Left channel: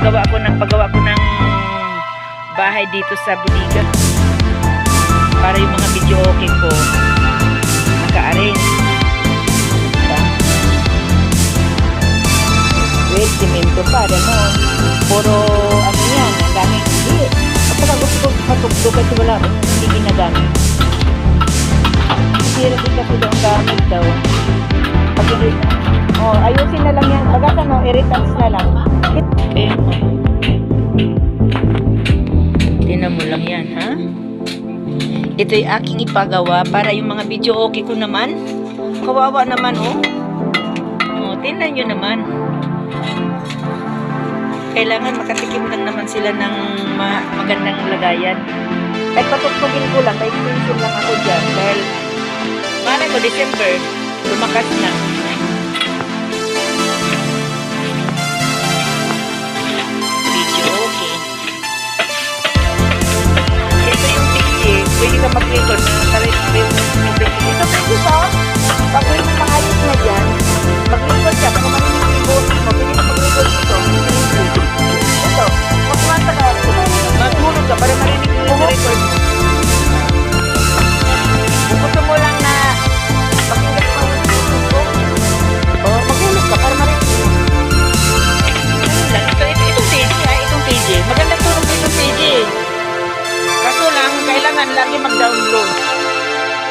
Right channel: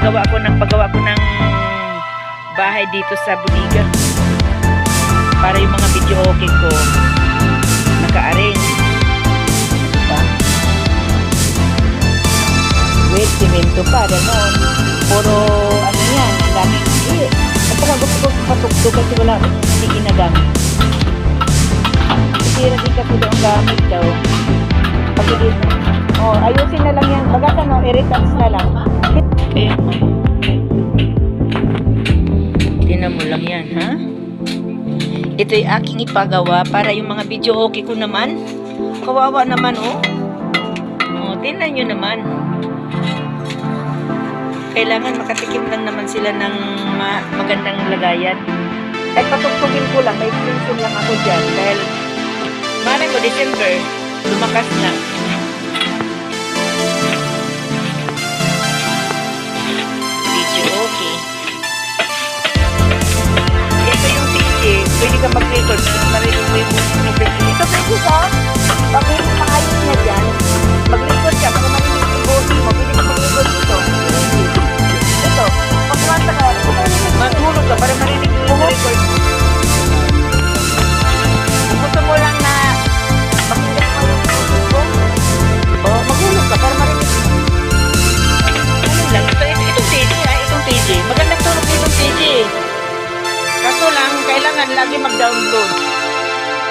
gumagawa ako, nagpagawa ako ng bahay dito sa Budiga. Para yung mga video okay ko, naka-arrange. Diba? With simento pa, ganon. Puro, ano yan, ang daming, hindi. Kapag gusto ko patukdo kasi wala, hindi ginagamit. Sira din kasi daw ang gamit daw. Pag oh, ayusin na lang yan. Bagat ano, irritants na lang. Tinan mo lang yan, ha? Ito'y aking ipagawa para yung mga video okay ko naman. Kawawa naman, oh. Oh, tingnan nyo naman. Kailangan makatikim lang naman sila ng ma- magandang lagayan. Kahit patugtugin ko lang, may extension lang ako dyan. Dahil, malay mo, December, lumakas na. Ka mag-record na narinig mo yung PJ. Ito pwede sa, pag may maayos na dyan, mag-record ka, para marinig yung boses mo, pwede ka mag-record dito. Ito, pag kumanta ka, maghulog ka para marinig yung record mo. Kung gusto mo lang na pakinggan mo yung boses ko, o maghulog ka para marinig mo. Ano lang, ito, ito, itong PJ ha, itong itong PJ. Kaso lang, kailangan lagi mag-download.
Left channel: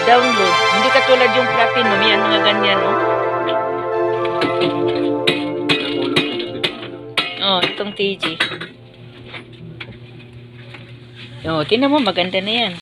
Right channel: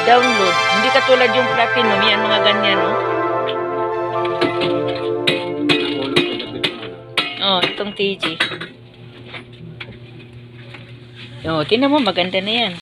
Download. Hindi katulad yung platinum, yan mga ganyan, oh. Oh, itong TG. Oh, tinan mo, maganda na yan.